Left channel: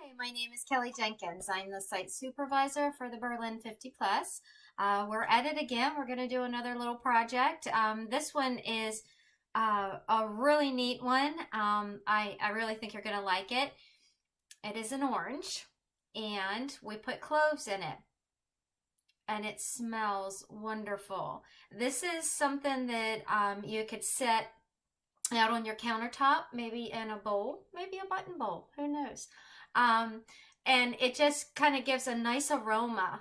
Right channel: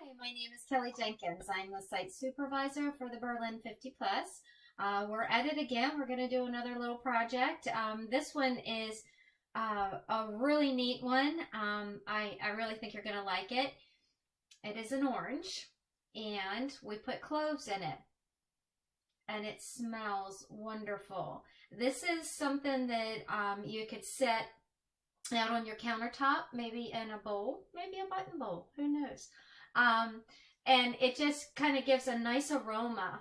Hi, my name is Kelly Jenkins. I'm the site supervisor for the Berlin 50 Plus. We're at it again. We're going to do another little project. This one is a really neat one. I really think you're going to like it. It is an orange, and we put cloves in it, and it smells wonderful. This is something that you could set out on your countertop, maybe in a bowl, maybe a button bowl, who knows. Um, and it just kind of gives a nice aroma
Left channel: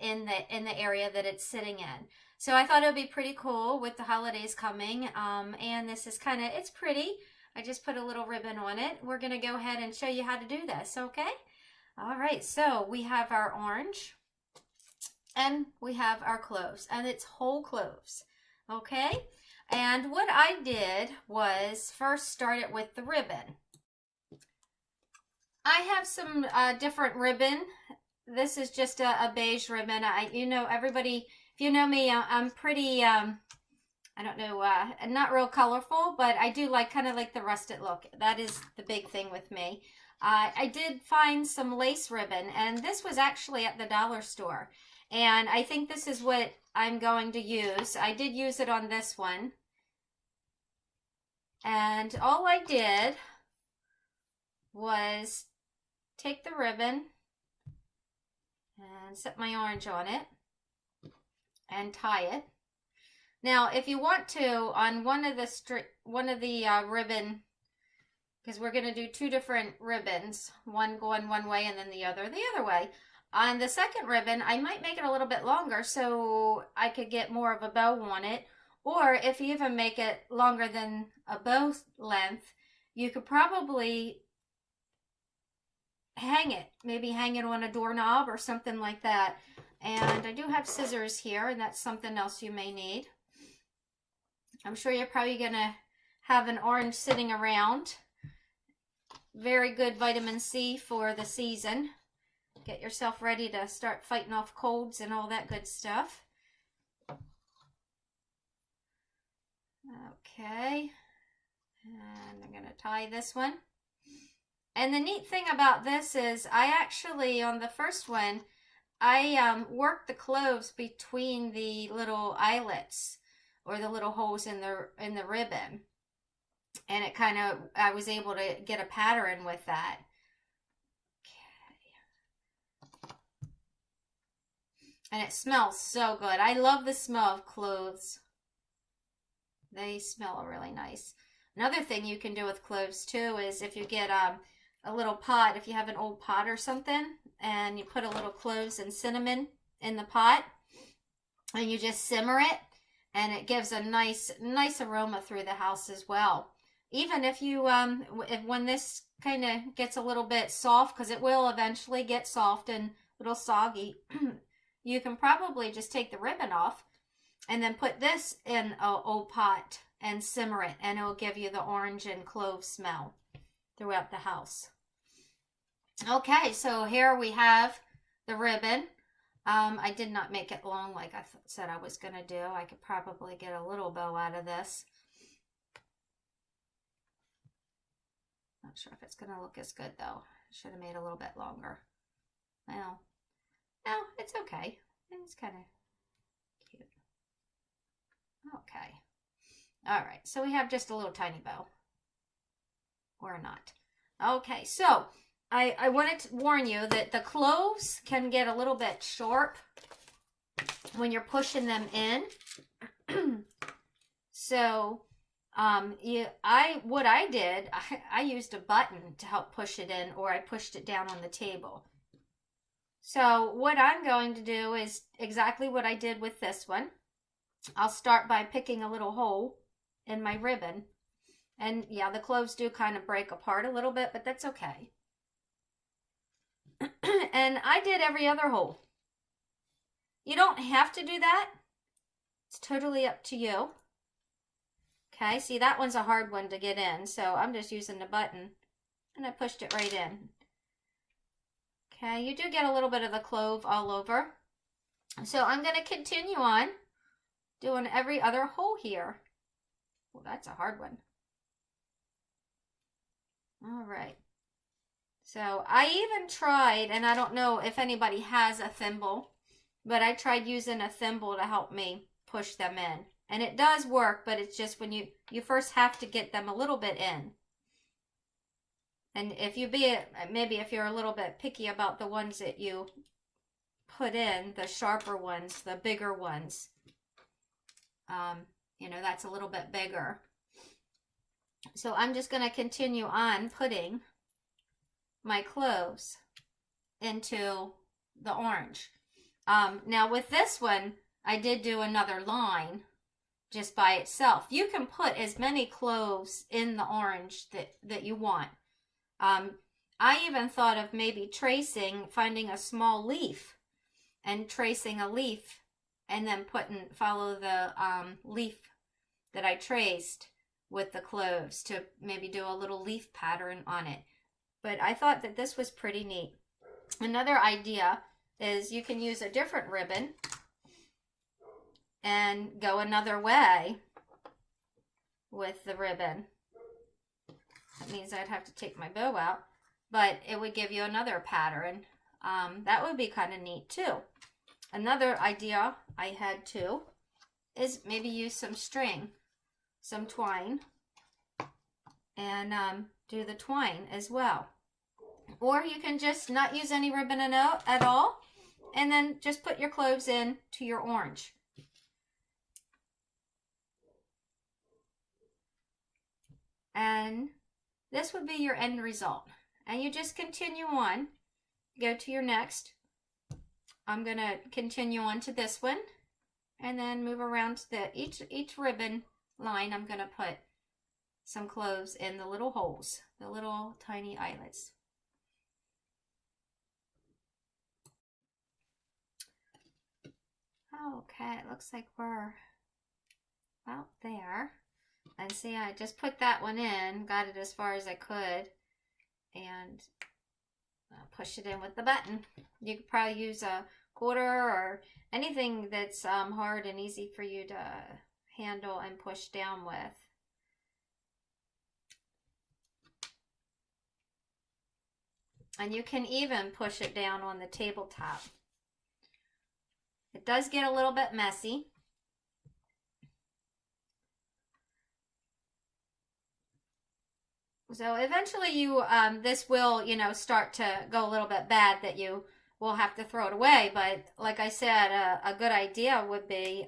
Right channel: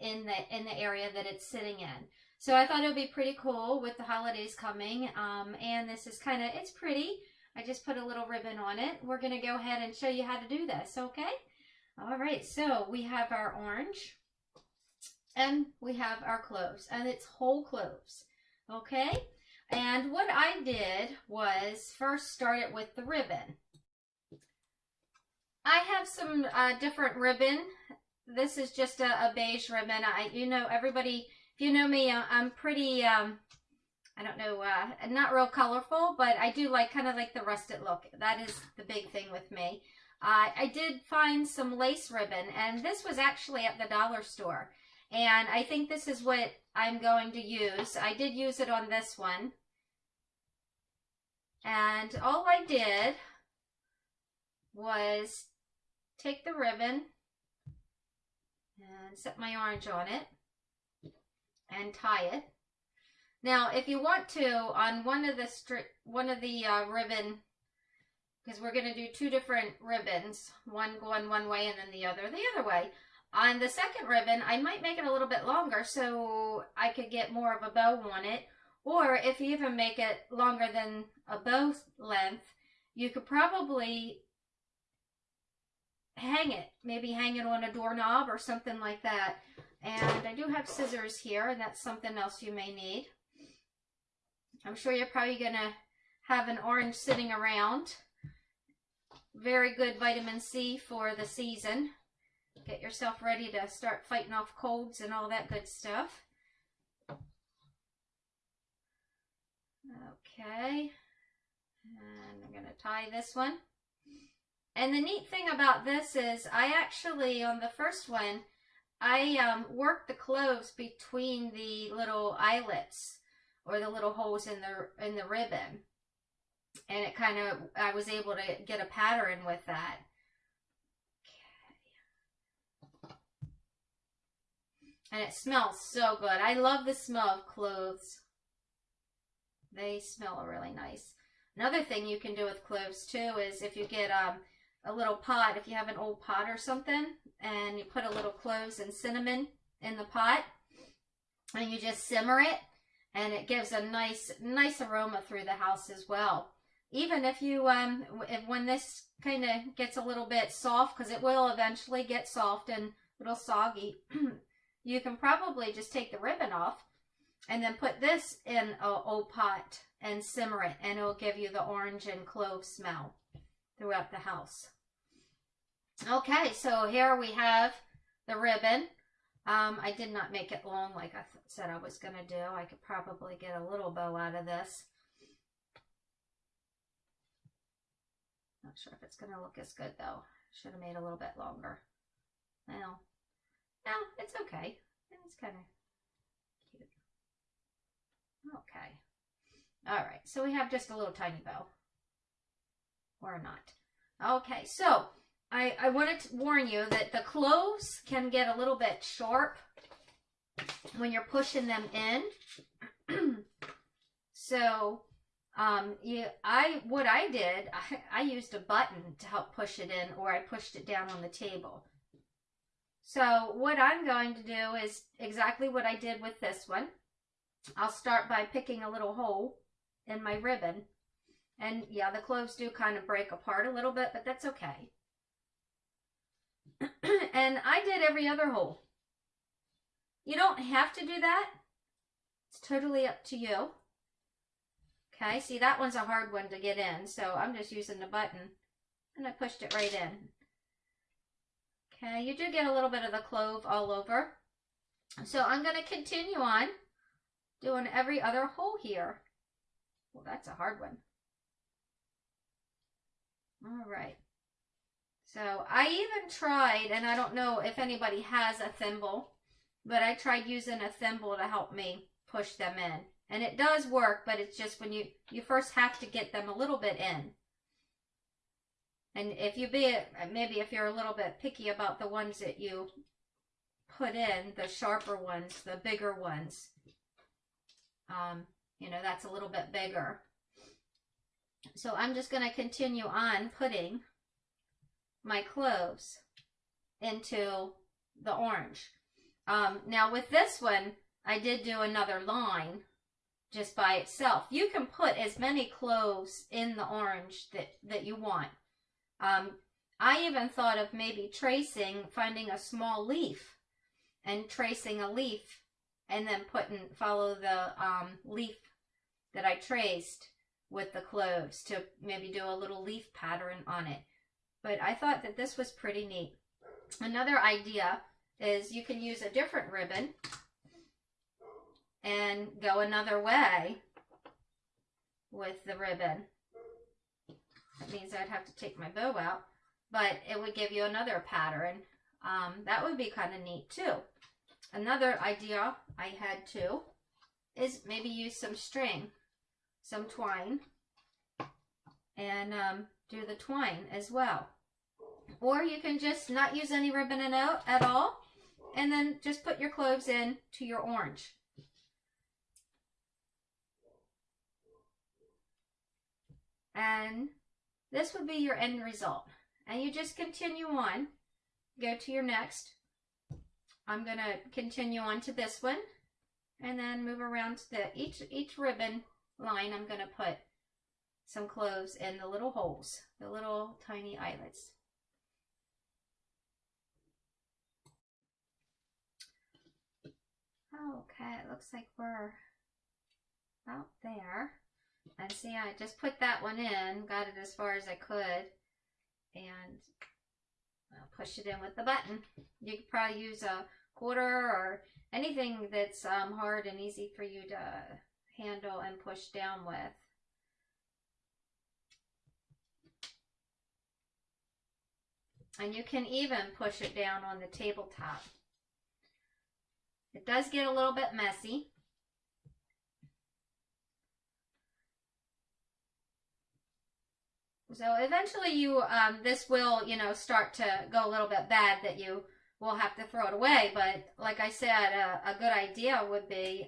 in the area that it's sitting in. So I thought it would be pretty cool with the holidays coming. And this is it's pretty. I just put a little ribbon on it. We're going to go ahead and show you how to do this, okay? All right, so we have our orange and we have our cloves, and it's whole cloves, okay? And what I did was first start it with the ribbon. I have some different ribbon. This is just a beige ribbon. Everybody, if you know me, I'm pretty, I don't know, not real colorful, but I do kind of like the rusted look. That is the big thing with me. I did find some lace ribbon, and this was actually at the dollar store. And I think this is what I'm going to use. I did use it on this one. And all I did was take the ribbon and set my orange on it and tie it. Now, if you want to, on one of the ribbon, because we're going to do two different ribbons, one going one way and then the other way. On the second ribbon, I might make it a little bit longer so I could get more of a bow on it. Or if you even make it longer than a bow length, you could probably hang it. Maybe hang it on a doorknob or something like that. And I do have scissors here, and that's something else you may need. I'm sure you're probably going to have an orange sitting around. Very good vitamin C for the season. Get yourself ready to start fighting off colds and all that good stuff. Okay, and I'm going to tie this one. And the neat thing about this is I actually, on the first one, I worked the cloves between the little eyelets or the little holes in the ribbon. And it I was able to get a pattern with that. And it smells so good. I love the smell of cloves. They smell really nice. Another thing you can do with cloves too is if you get a little pot, if you have an old pot or something, and you put a little cloves and cinnamon in the pot, and you just simmer it, and it gives a nice aroma through the house as well. Even if you when this kind of gets a little bit soft, because it will eventually get soft and a little soggy, you can probably just take the ribbon off and then put this in an old pot and simmer it, and it will give you the orange and clove smell throughout the house. Okay, so here we have the ribbon. I did not make it long like I said I was going to do. I could probably get a little bow out of this. Not sure if it's going to look as good though. Should have made it a little bit longer. Well, no, it's okay. It's kind of cute. Okay. All right, so we have just a little tiny bow. Or not. Okay, so I wanted to warn you that the cloves can get a little bit sharp when you're pushing them in. So what I did, I used a button to help push it in, or I pushed it down on the table. So what I'm going to do is exactly what I did with this one. I'll start by picking a little hole in my ribbon. And yeah, the cloves do kind of break apart a little bit, but that's okay. And I did every other hole. You don't have to do that. It's totally up to you. Okay, see, that one's a hard one to get in, so I'm just using the button, and I pushed it right in. Okay, you do get a little bit of the clove all over. So I'm going to continue on doing every other hole here. Well, that's a hard one. All right. So I even tried, and I don't know if anybody has a thimble, but I tried using a thimble to help me push them in. And it does work, but it's just when you first have to get them a little bit in. And if you maybe if you're a little bit picky about the ones that you put in, the sharper ones, the bigger ones, you know, that's a little bit bigger. So I'm just going to continue on putting my cloves into the orange. Now with this one, I did do another line just by itself. You can put as many cloves in the orange that you want. I even thought of maybe finding a small leaf and tracing a leaf and then follow the leaf that I traced with the cloves to maybe do a little leaf pattern on it. But I thought that this was pretty neat. Another idea is you can use a different ribbon and go another way with the ribbon. That means I'd have to take my bow out, but it would give you another pattern. That would be kind of neat too. Another idea I had too is maybe use some string, some twine, and do the twine as well. Or you can just not use any ribbon at all, and then just put your cloves in to your orange. And this would be your end result. And you just continue on, go to your next. I'm going to continue on to this one, and then move around to each ribbon line. I'm going to put some cloves in the little holes, the little tiny eyelets. Okay, it looks like we're about there. And see, I just put that one in, got it as far as I could, and I'll push it in with the button. You could probably use a quarter or anything that's hard and easy for you to handle and push down with. And you can even push it down on the tabletop. It does get a little bit messy. So eventually this will, start to go a little bit bad that you will have to throw it away. But like I said, a good idea would be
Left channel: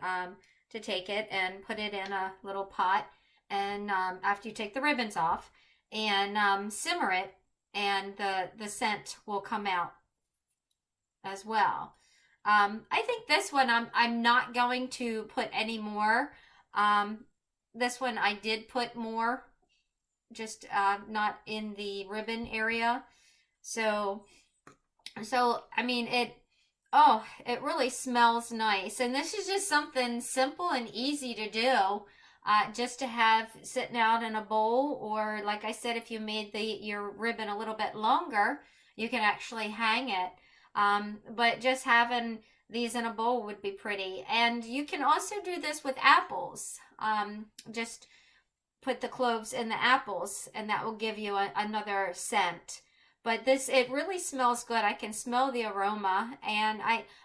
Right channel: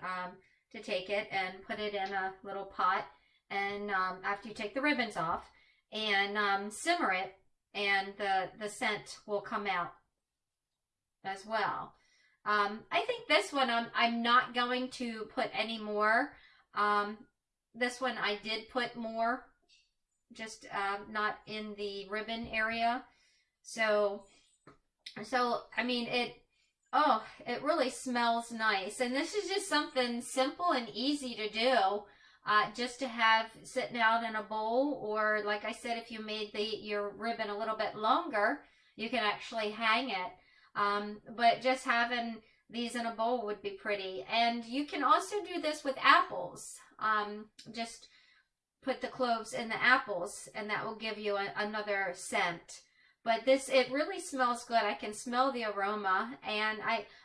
to take it and put it in a little pot. And after you take the ribbons off and simmer it, and the scent will come out as well. I think this one I'm not going to put any more. This one I did put more, just not in the ribbon area. So I mean, it really smells nice. And this is just something simple and easy to do, just to have sitting out in a bowl, or like I said, if you made your ribbon a little bit longer, you can actually hang it. But just having these in a bowl would be pretty. And you can also do this with apples. Just put the cloves in the apples, and that will give you another scent. But it really smells good. I can smell the aroma, and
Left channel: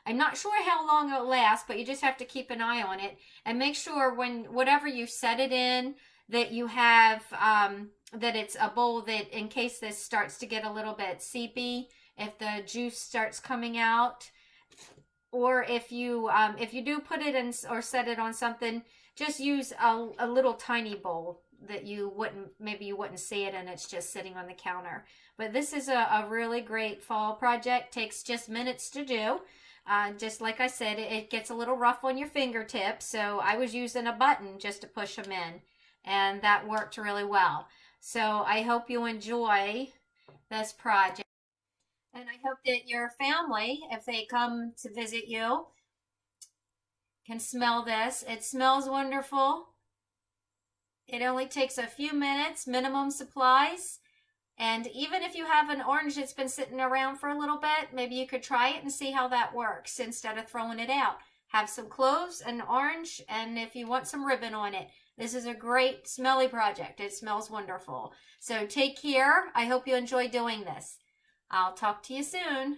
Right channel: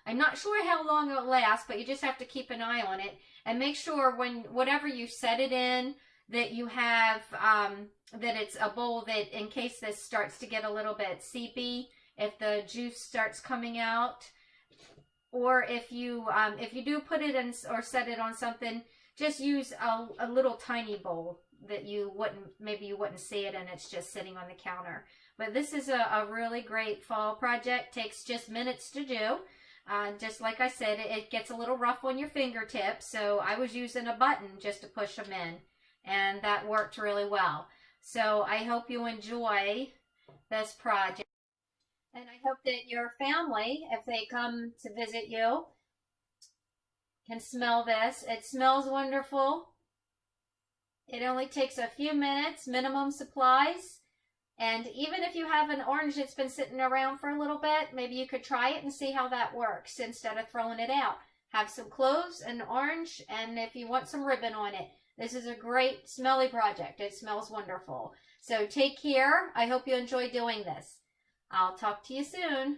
I'm not sure how long it'll last, but you just have to keep an eye on it and make sure whatever you set it in, that you have, that it's a bowl that, in case this starts to get a little bit seepy, if the juice starts coming out, or if you do put it in or set it on something, just use a little tiny bowl that maybe you wouldn't see it, and it's just sitting on the counter. But this is a really great fall project. Takes just minutes to do. Just like I said, it gets a little rough on your fingertips, so I was using a button just to push them in, and that worked really well. So I hope you enjoy this project, and I hope that your family, if they come to visit you, can smell this. It smells wonderful. It only takes a few minutes, minimum supplies. And even if you have an orange that's been sitting around for a little bit, maybe you could try it and see how that works instead of throwing it out. Have some cloves and orange, and if you want some ribbon on it. This is a great smelly project. It smells wonderful. So take care. I hope you enjoy doing this. I'll talk to you soon.